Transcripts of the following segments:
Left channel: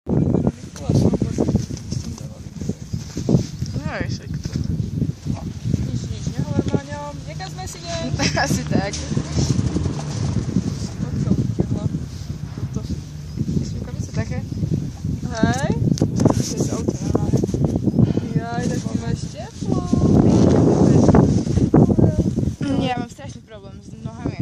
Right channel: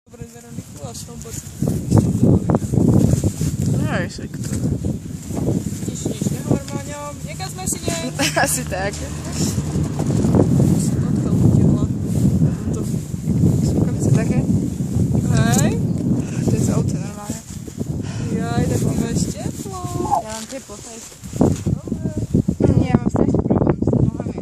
Nič, nehovor o ňom. Nekazme si nej. Asi tak. Sú také? Hej. To je auto normálne. Jaj, tak ty máš teplo. Ja mám strašný problém s nohami.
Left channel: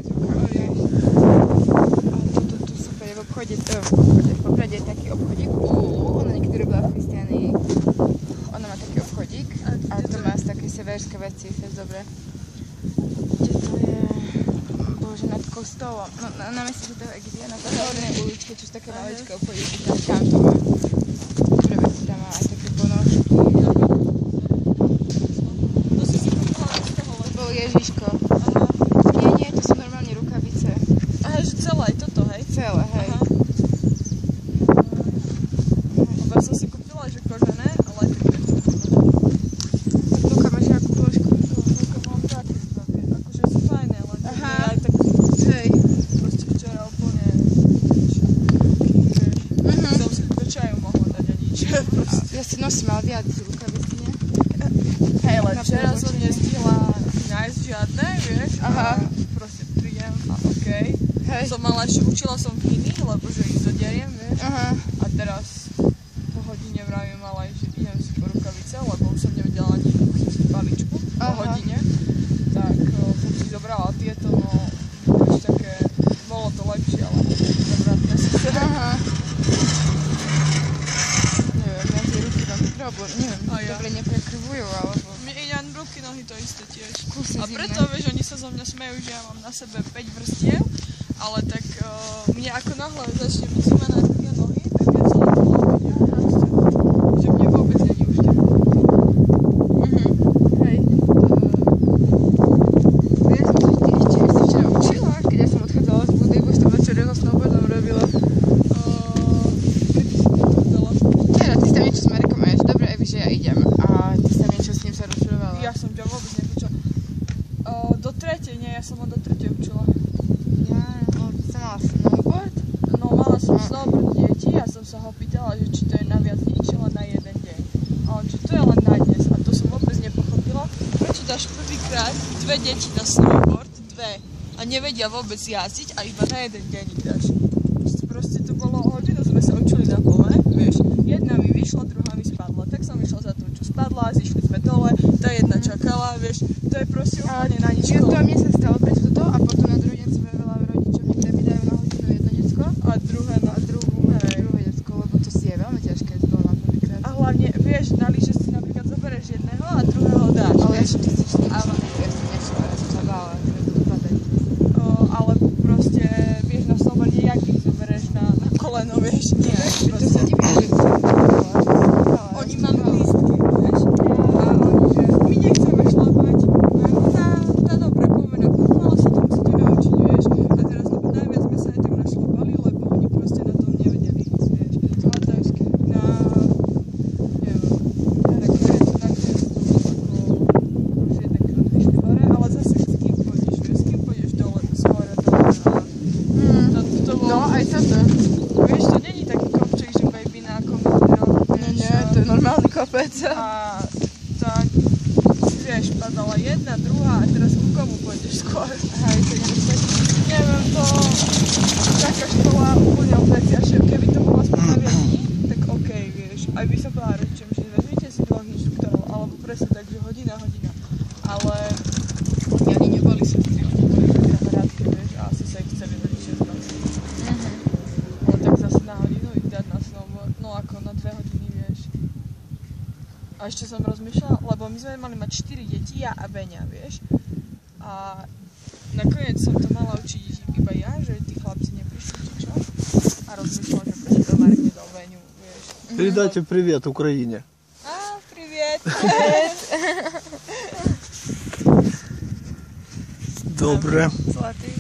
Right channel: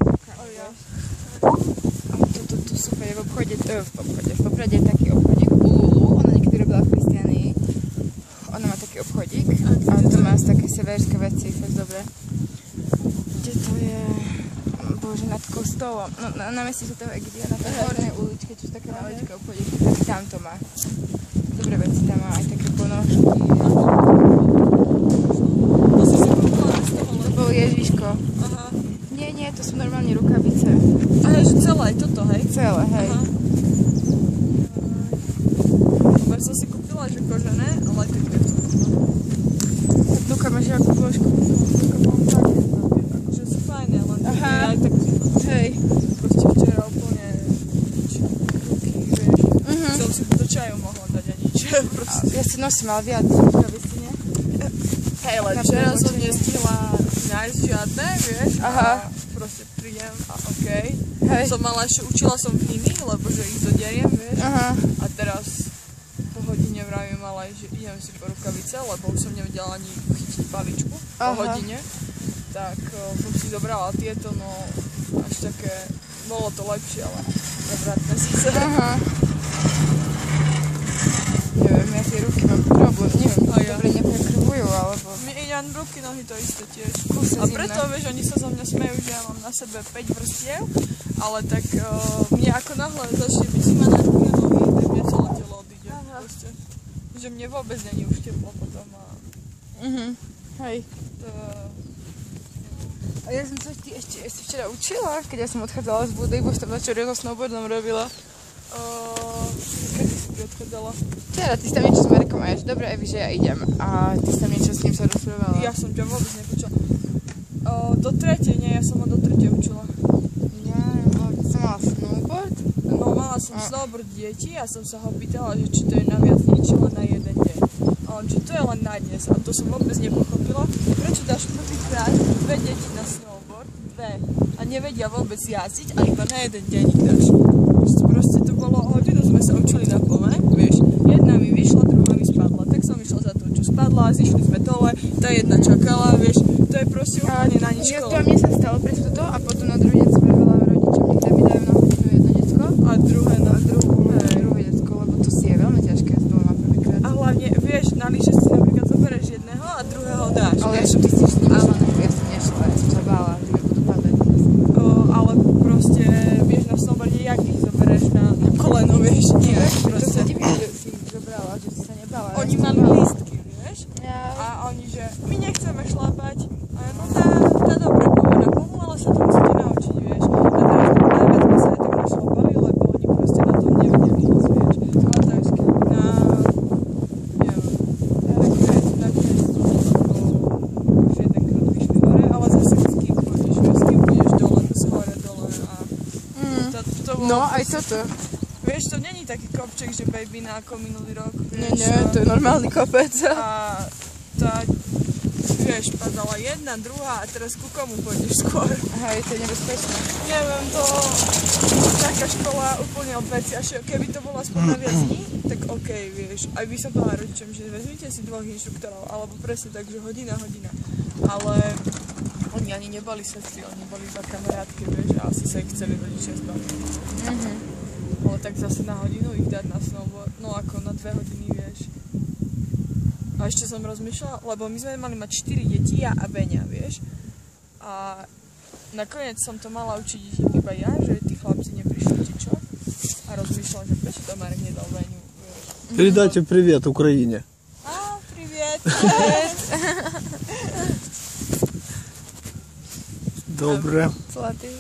Tu super je v obchode, v Poprade je taký obchodík Ulu, ona niekedy robila v Kristiánii. Ona má taký obchodík a to má také severské veci, fakt dobre. Kde to je? Bože, nad kostolom. No, na meste toho Egidia, na tej hornej uličke, čo sú také maličké obchodíky, tam to má. Dobre veci tam má, aj také ponožky. To bol Ježiško. Nie, to sú normálne rukavice. Aha, že celé aj toto, hej? Celé, hej. Ja som si kúpila, že kožené, ale aj také to. Luka, máš jakú plošku? Že sú fajné, ale Aha. aj tak Hej. proste včera úplne som si do čaju mohla dať a nič. Ja si nosím, ale viac rukavici, nie? Hej, ale včera som nestihla nájsť žiadne, vieš, Aha. a proste prídem a okej. Hej. Som mala ešte, učila som knihy, lebo že ich zoderiem, vieš. Aha. A teraz po hodine vravím, ale že idem si po rukavice, lebo už som nevedela ani chytiť paličku po hodine. Tak som si dobrala tieto, no už také, bolo to lepšie, ale nevratné si sa. Aha. Neviem, ja tie ruky mám problém, neviem, dobre nepotrebujú, alebo... Mne ide len ruky, nohy to isté tiež. Kúsne A preto, vieš, oni sa zo mňa smejú, že ja mám na sebe 5 vrstiev, ale tak mne ako náhle začne byť zima na ruky a nohy, tak mne celé to ide. Že mne vôbec není už teplo. Hej. Ja som sa ešte včera učila, keď ja som odchádzala z budy, už to večer so snowboardom robila. Kedy som to vedela? Nie, ty si tam niečo s Markom a ja, že dobre, Evi, že ja idem. A ty si tam niečo s ním sa rozprávala. Ja som ťa vôbec nepočula. Do tretej, nie, ja som len do tretej učila. Ty som mala snowboard? No mala som snowboard deti a som sa ho pýtala, že či to je na viac dní, či len na jeden deň. A on, že to je len na dnes a to som vôbec nepochopila. Prečo dáš prvýkrát 2 deti na snowboard, 2 a nevedia vôbec jazdiť a iba na jeden deň ich dáš. Proste to bolo, hodinu sme sa učili na kole, vieš. Jedna mi vyšla, druhá mi spadla. Tak som išla za to, čo spadla, zišli sme dole, tá jedna čakala, vieš. To je proste úplne na nič. Ja to mne sa stalo bez toto a potom na druhý deň som volala rodičom, kde mi dajú na hodinu jedno decko A druhé na druhé decko, lebo to si je veľmi ťažké z doma prvýkrát. A hlavne, vieš, na lyže si napríklad zoberieš jedného a druhého dáš, Ale vieš. ty si ja som nešla, ja som sa bála, ty mi budú padať. Ale proste, vieš, na snowboarde, jak ich zoberieš na koleno, vieš, nie, To proste. sa divím, že som Oni mali lístky, vieš, a oni, že my nechceme šlapať, tá dobrá povoda kúpu, ale sa to musíte naučiť, vieš. A teraz to najviac sme sa na tom našlapali, lebo oni proste na tom nevedeli ísť, vieš. A to je skvělé. Už jedenkrát vyšli hore, ale zase s kým chodíš, vieš, s kým pôjdeš dole, to sa hore dole. To bolo, No, aj toto. vieš, to není taký kopček, že baby na komodný rok, Nie, to je normálny kopec. a tak, vieš, padala jedna, druhá a teraz ku komu pôjdeš skôr? Hej, to je nebezpečné. Neviem, to taká škola úplne od veci, až keby to bolo aspoň na viac dní, tak okej, vieš, aj by som povedala rodičom, že vezmite si 2 inštruktorov, alebo presne tak, že hodina, ale oni ani neboli sestry, oni boli za kamarátke, vieš, a asi sa ich chceli rodičia zdať. No tak zase na hodinu ich dať na snowboard, no ako na 2 hodiny, vieš. A ešte som rozmýšľala, lebo my sme mali mať 4 deti, ja a Beňa, vieš. A nakoniec som to mala učiť iba ja, že tí chlapci neprišli, či čo. A rozmýšľala, že prečo to Marek nedal Beňu, vieš. Передайте привет Украине. Привет! Добре. Zlatý.